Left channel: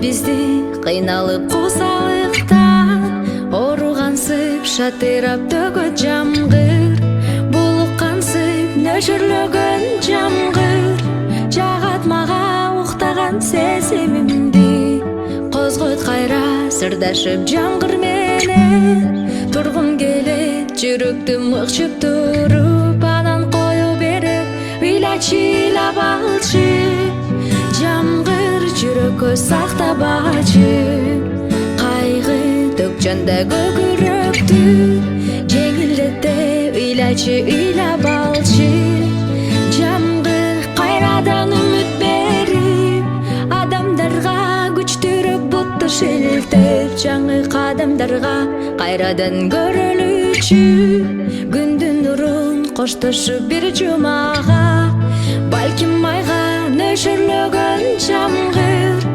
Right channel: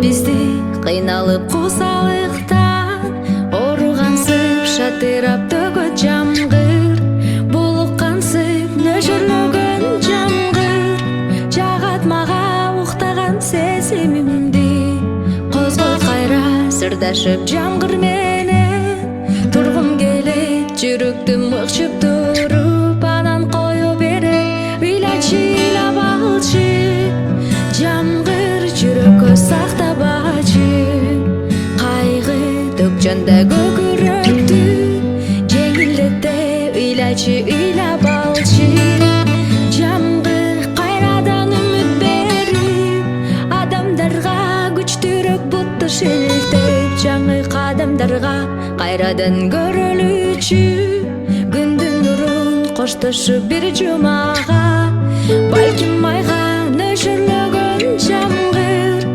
бизди кыйналып кусалыктан ооругансып шатырап төгөт жамгыр булуккансып нөшөрлөгөн жамгыр жагат мага уктаган сезимимди козгойт кайра сырдашып жамгыр менен тургум келет жүрөктү мыкчып туруп анан кое берип ыйлачы ыйлап алчы жамгыр жүрөккө сактабачы кайгы төкчөндө көкүрөктү жеңилдете ыйлачы ыйлап алчы жамгыр кайрадан үмүт берип адамдарга күчтүүрөөк бутту шилтеп жаңы кадамдарга кайрадан көрөлүчү күндүн нурун коштошуп бир жумага балким майга нөшөрлөгөн жамгыр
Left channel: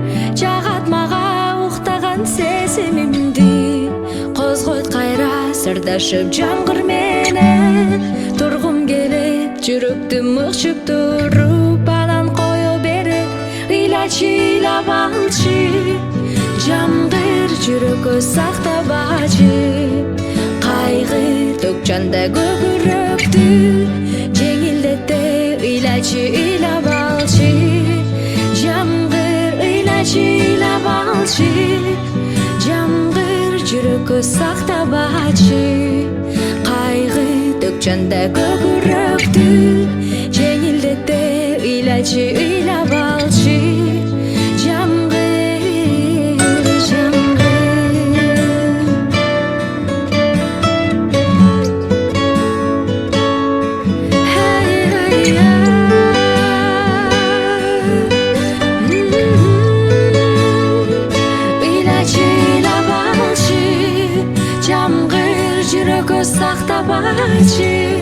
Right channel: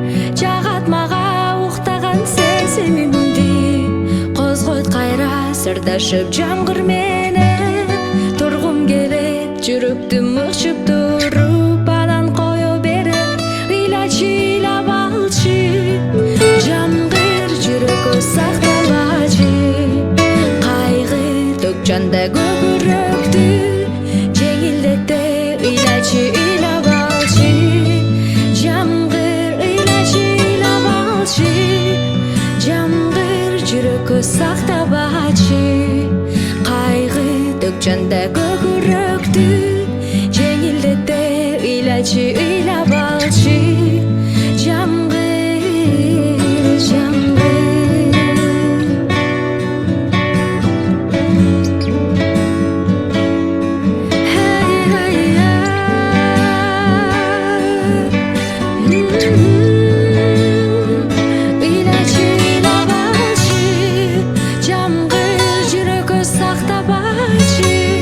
жагат мага уктаган сезимимди козгойт кайра сырдашып жамгыр менен тургум келет жүрөктү мыкчып туруп анан кое берип ыйлачы ыйлап алчы жамгыр жүрөккө сактабачы кайгы төкчөндө көкүрөктү жеңилдете ыйлачы ыйлап алчы жамгыр ыйлачы ыйлап алчы жамгыр жүрөккө сактабачы кайгы төкчөндө көкүрөктү жеңилдете ыйлачы ыйлап алчы жамгыр жамгыр ыйлачы ыйлап алчы жамгыр жүрөккө сактабачы